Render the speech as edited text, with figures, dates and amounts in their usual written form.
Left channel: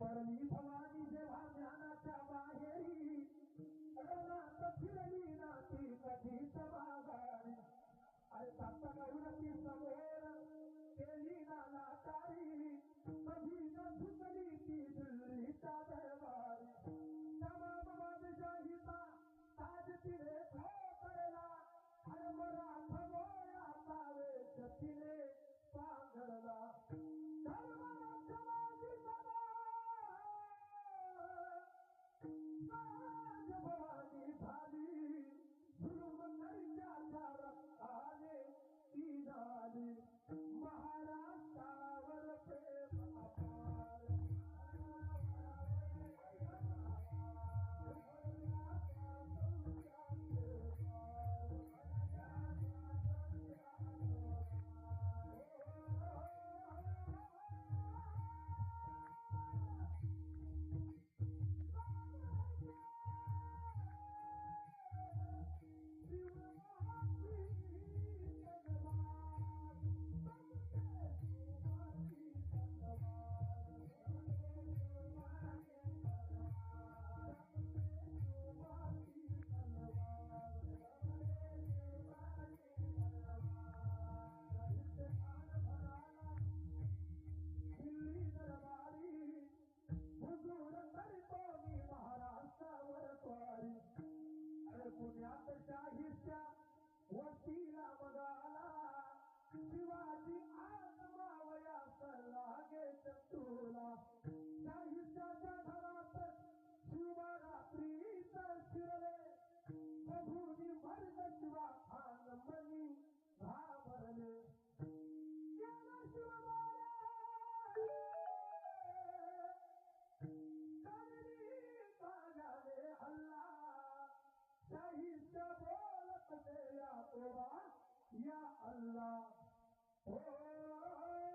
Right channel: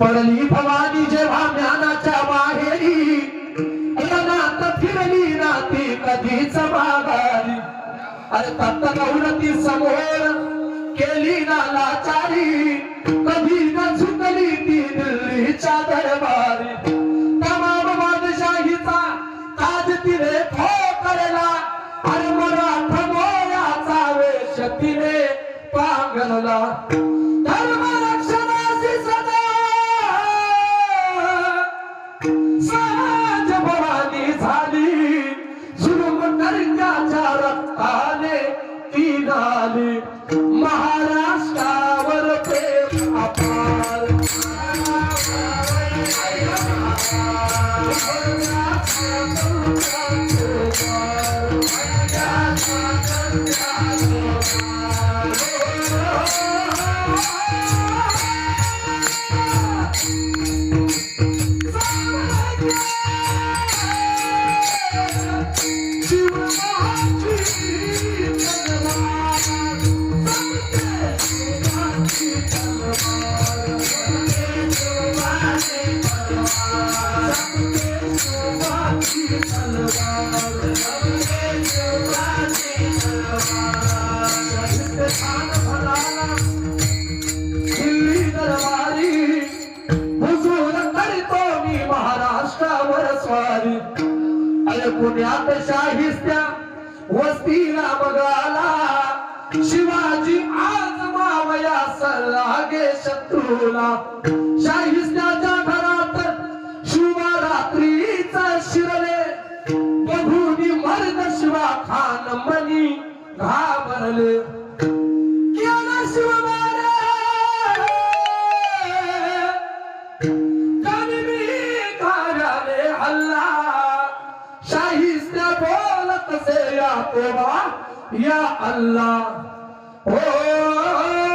पडली भवानी जेव्हा ज्ञानाच्या माहेरी, रणात फिरली नाती कधीच माघारी. अरे तप्त गौरती समोर केली ना लाचारी, कधी न झुकली ती दिल्लीच्या दरबारी. तमाम बादशाहीचा ताज तिने ठोकरला, अरे मराठा मोऱ्याचा वेश तिने पांघरला. धर्म रक्षणाची सदा साज भवानी झाली, जुलूम करण्याच्या रक्ताने ती नाली. महाराष्ट्रावर प्रेम अपार, पुण्यात शाहिस्त्या वस्तीला बघाला, शिवाजी आज मावया सल्लागे शत्रूला. शाहिस्त्याच्या घरात शिवरात्रीचा शिरले, बघूनी मर्द शिवा खान मनी घाबरले. केला शिवबाने घाऱ्याने हल्ला, शाहिस्त्या बोलत से या तोबा या अल्लाह. हो